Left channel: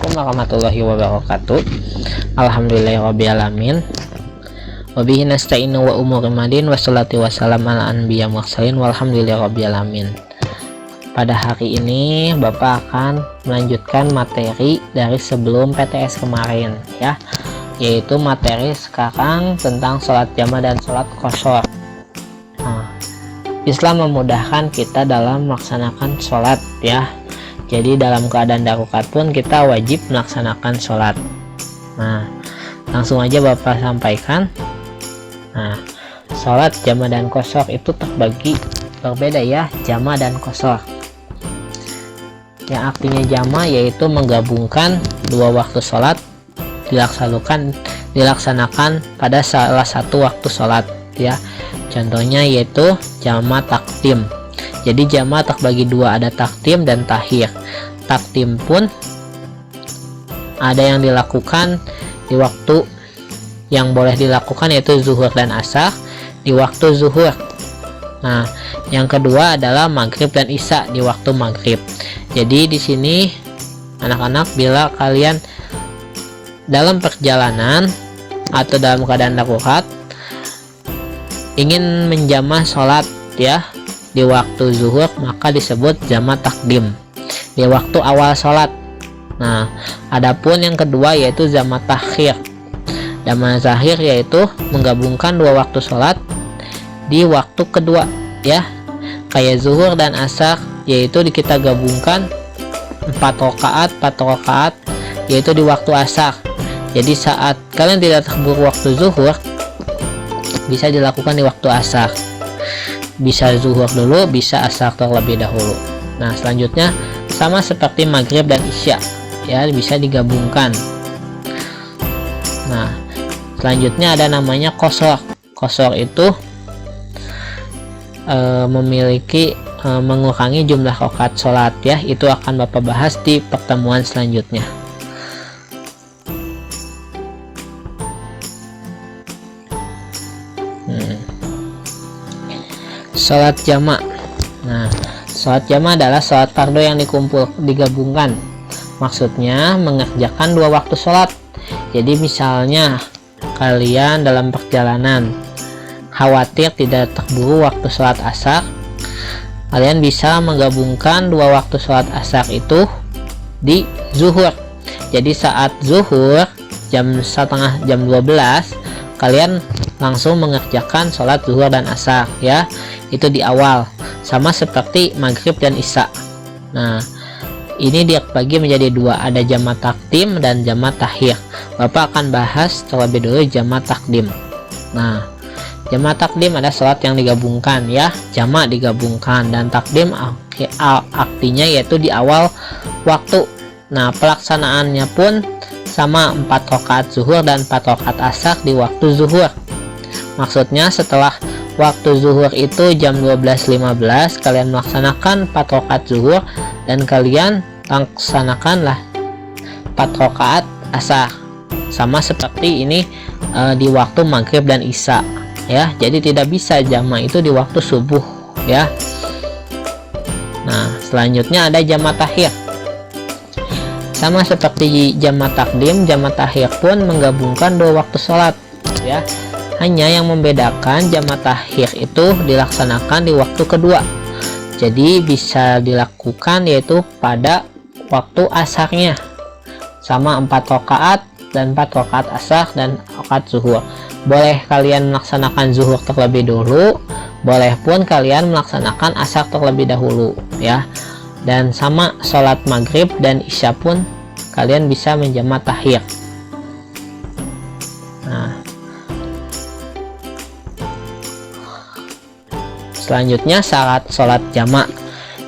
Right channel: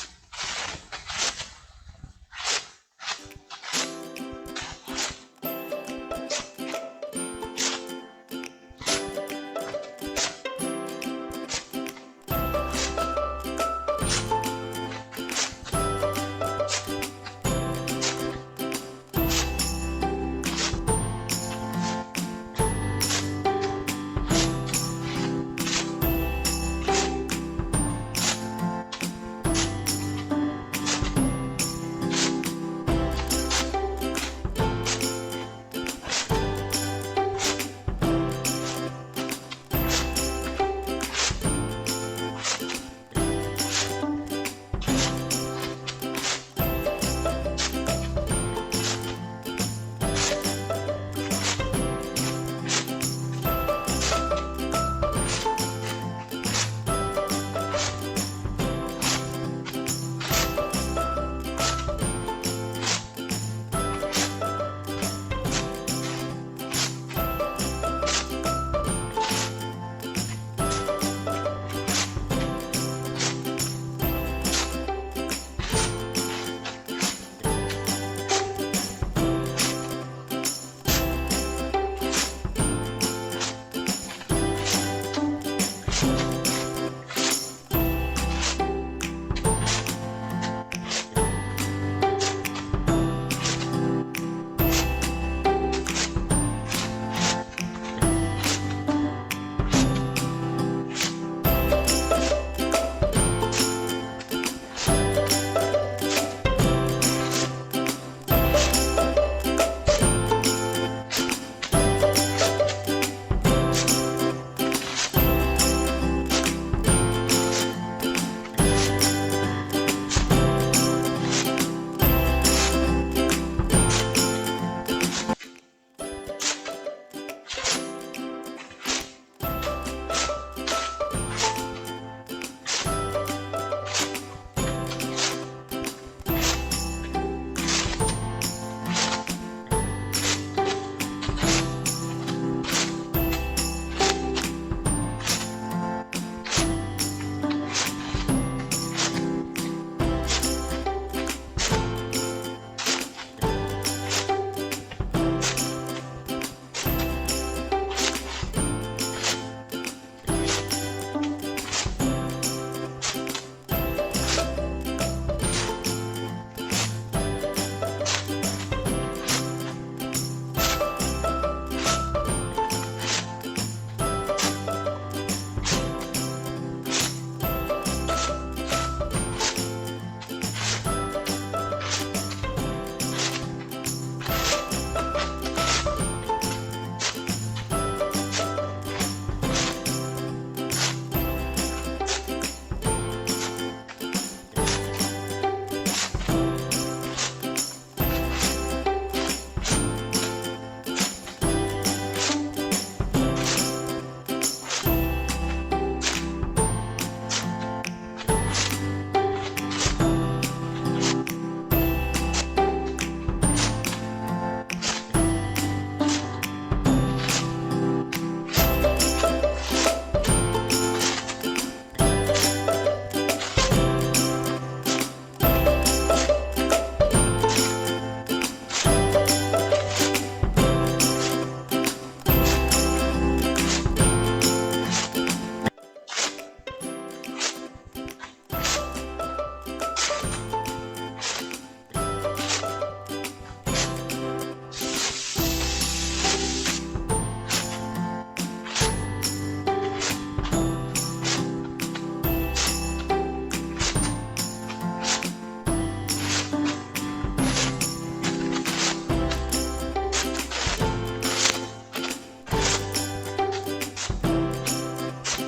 Assalamualaikum warahmatullahi wabarakatuh. Alhamdulillahirrabbilalamin. Wabihi nasta'inu wa umuri madin wassalatu wassalam ala anbiya mursalin walhamdulillahirrabbilalamin. Pada hari ini Bapak akan melanjutkan materi dari sebelum PTS kemarin ya, yaitu materi sekarang tentang sholat jamaah dan sholat qashar. Islam memudahkan kita dalam melaksanakan sholat ya. Jadi dalam keadaan darurat pun kita wajib melaksanakan sholat. Nah, langsung aja Bapak sampaikan. Nah, sholat jamaah dan qashar itu terbagi berbeda ya, jamaah dan qashar. Yang artinya jamaah yaitu menggabungkan dua waktu sholat dilaksanakan pada salah satu waktu sholat ya. Contohnya yaitu jamaah takdim. Jadi jamaah terbagi dua, ada takdim dan takhir. Takdim pun ada yang dilakukan di waktu yang boleh dilakukan yaitu zuhur dan asar di waktu zuhur. Nah, yang kedua adalah maghrib dan isya di waktu maghrib. Jadi di sini anak-anak, bila kalian dalam perjalanan atau dalam keadaan darurat ingin menjamah sholat ya di waktu zuhur, maka disebut jamaah takdim di waktu awal sholat. Nah, adapun yang kedua yaitu jamaah takhir. Jamaah takhir yaitu menggabungkan dua waktu sholat di waktu kedua ya, kayak zuhur dan asar, yaitu kita gabungkan 4 rakaat yaitu di waktu asar. Jadi saat kalian tidak terburu waktu zuhur, bisa dilakukan di waktu asar. Bisa zuhur dulu, bisa asar terlebih dahulu. Nah, selanjutnya sama seperti maghrib dan isya ya, bisa digabungkan. Nah, selanjutnya ada namanya qashar. Qashar itu memiliki mengurangi jumlah rakaat sholat ya. Itu akan Bapak bahas di pertemuan selanjutnya. Sholat jamaah. Nah, sholat jamaah adalah sholat fardu yang digabungkan. Maksudnya mengerjakan dua waktu sholat. Jadi misalnya kalian dalam perjalanan khawatir tidak terburu waktu sholat asar, kalian bisa menggabungkan dua waktu sholat asar itu di zuhur. Jadi saat zuhur jam 12, kalian langsung mengerjakan sholat zuhur dan asar ya. Itu di awal, sama seperti maghrib dan isya. Nah, ini dibagi menjadi dua, ada jamaah takdim dan jamaah takhir. Bapak akan bahas terlebih dulu jamaah takdim. Nah, jamaah takdim ada sholat yang digabungkan ya, jamaah digabungkan, dan takdim artinya yaitu di awal waktu. Nah, pelaksanaannya pun sama, 4 rakaat zuhur dan 4 rakaat asar di waktu zuhur. Maksudnya setelah waktu zuhur itu jam 12.15, kalian melaksanakan 4 rakaat zuhur dan kalian laksanakanlah 4 rakaat asar. Sama seperti ini di waktu maghrib dan isya ya. Jadi tidak bisa jamaah itu di waktu subuh ya. Nah, selanjutnya ada jamaah takhir. Sama seperti jamaah takdim, jamaah takhir pun menggabungkan dua waktu sholat ya. Hanya yang membedakan jamaah takhir itu dilaksanakan di waktu kedua. Jadi bisa dilakukan yaitu pada waktu asarnya, sama 4 rakaat dan 4 rakaat asar dan rakaat zuhur. Boleh kalian melaksanakan zuhur terlebih dahulu, boleh pun kalian melaksanakan asar terlebih dahulu ya. Dan sama sholat maghrib dan isya pun kalian bisa menjamaah takhir. Selanjutnya syarat sholat jamaah.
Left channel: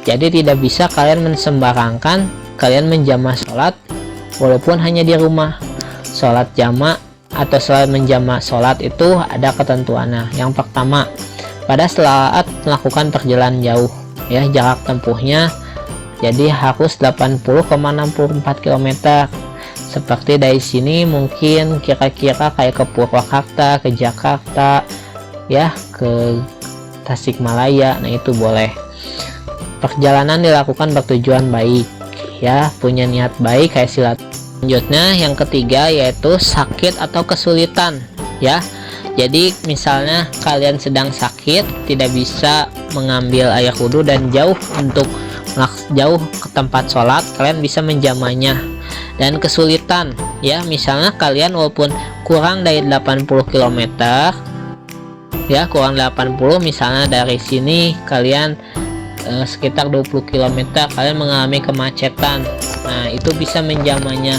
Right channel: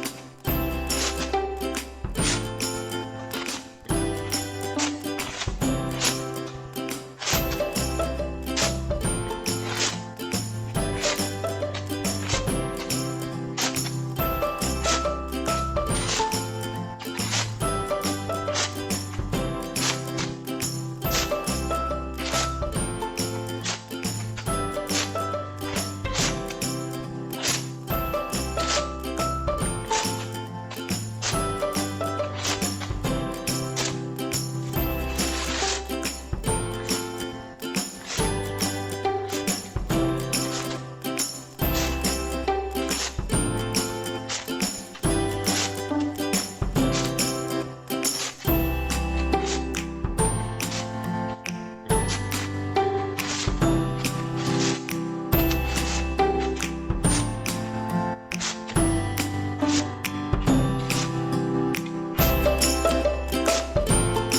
Jadi tidak bisa kalian mensembarangkan kalian menjamaah sholat walaupun hanya di rumah. Sholat jamaah atau sholat menjamaah sholat itu ada ketentuannya. Yang pertama, pada saat melakukan perjalanan jauh ya, jarak tempuhnya jadi harus 80,64 km. Seperti dari sini mungkin kira-kira kayak ke Purwakarta, ke Jakarta ya, ke Tasikmalaya. Nah, itu boleh. Perjalanan dilakukan bertujuan baik ya, punya niat baik kayak Selanjutnya yang ketiga yaitu sakit atau kesulitan ya. Jadi misalnya kalian sedang sakit, tidak bisa mengambil air wudhu dan jauh ke tempat sholat, kalian bisa menjamahnya. Dan kesulitan ya, misalnya kalian walaupun kurang dari 80 km ya, kurang 80, misalnya dari sini kalian sekitar 20 km kalian mengalami kemacetan, nah itu bisa menjamahnya.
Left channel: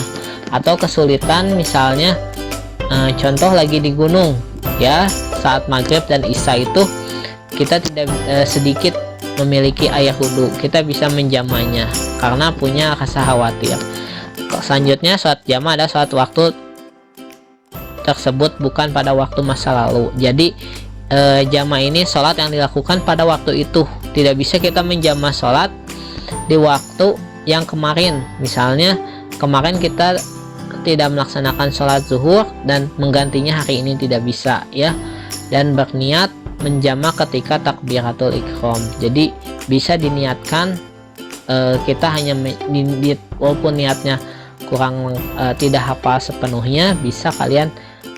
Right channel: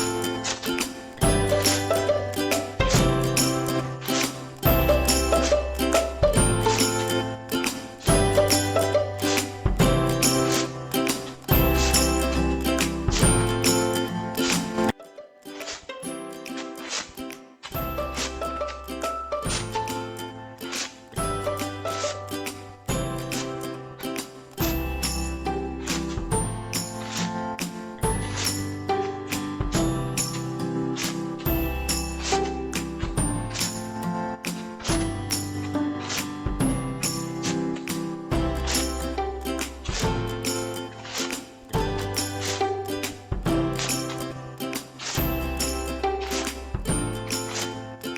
Atau kesulitan misalnya contoh lagi di gunung ya, saat maghrib dan isya itu kita tidak sedikit memiliki air wudhu, kita bisa menjamahnya karena punya rasa khawatir. Selanjutnya sholat jamaah adalah sholat waktu tersebut bukan pada waktu masa lalu. Jadi jamaah ini sholat yang dilakukan pada waktu itu, tidak bisa kita menjamaah sholat di waktu yang kemarin. Misalnya kemarin kita tidak melaksanakan sholat zuhur dan menggantinya hari ini, tidak bisa ya. Dan berniat menjamah ketika takbiratul ihram, jadi bisa diniatkan, kita hanya walaupun niatnya kurang tidak hafal sepenuhnya, bisa kalian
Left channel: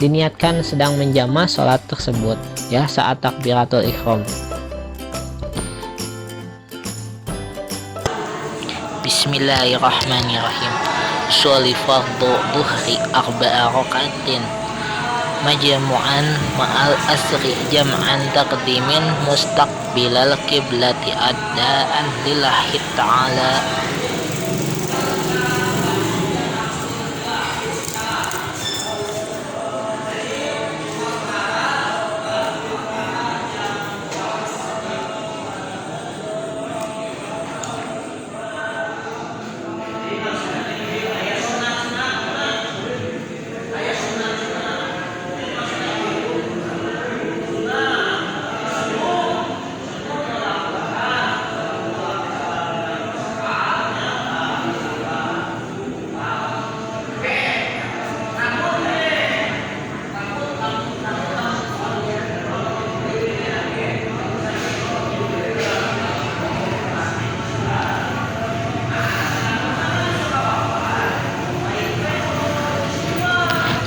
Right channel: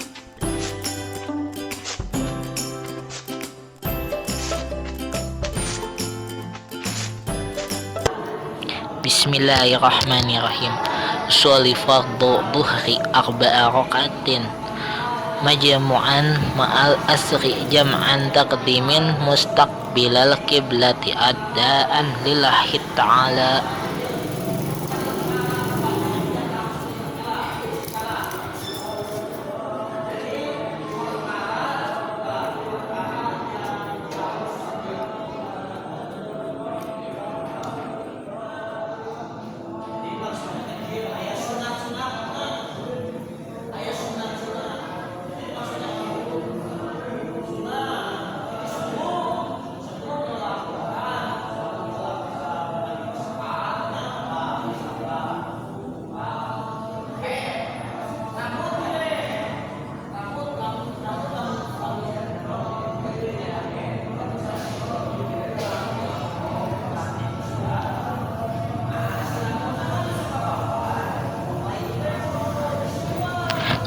diniatkan sedang menjamah sholat tersebut ya saat takbiratul ihram. Bismillahirrahmanirrahim. Sholli fardhu dhuhri arba'a rakaatin majmu'an ma'al asri jam'an taqdimin mustaqbilal qiblati adaan lillahi ta'ala.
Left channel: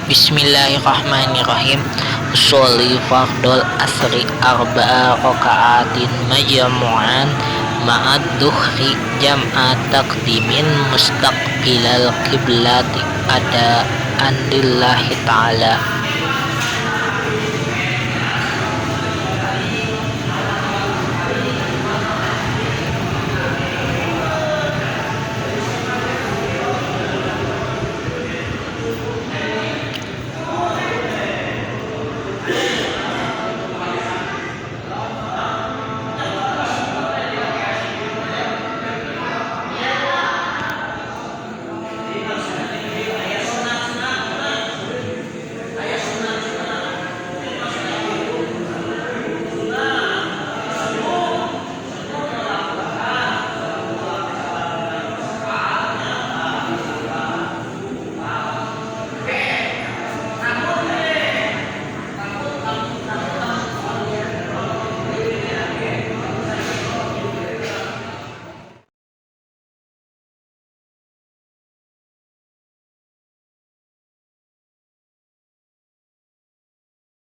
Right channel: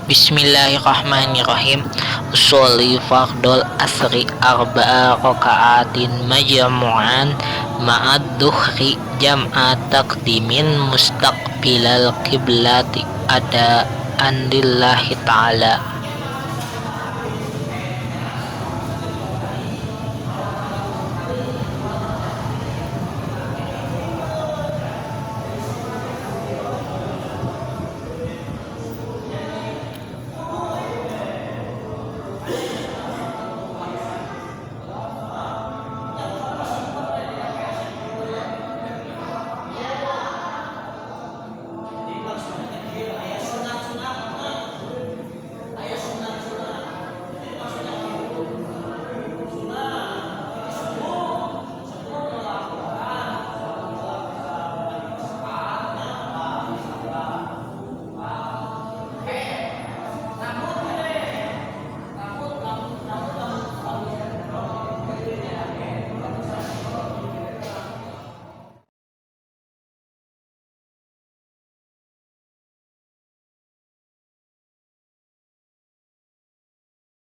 Bismillahirrahmanirrahim. Sholli fardul asri arba'a raka'atin majmu'an ma'ad dhuhri jam'a taqdimin mustaqbilal qiblati adaan lillahi ta'ala.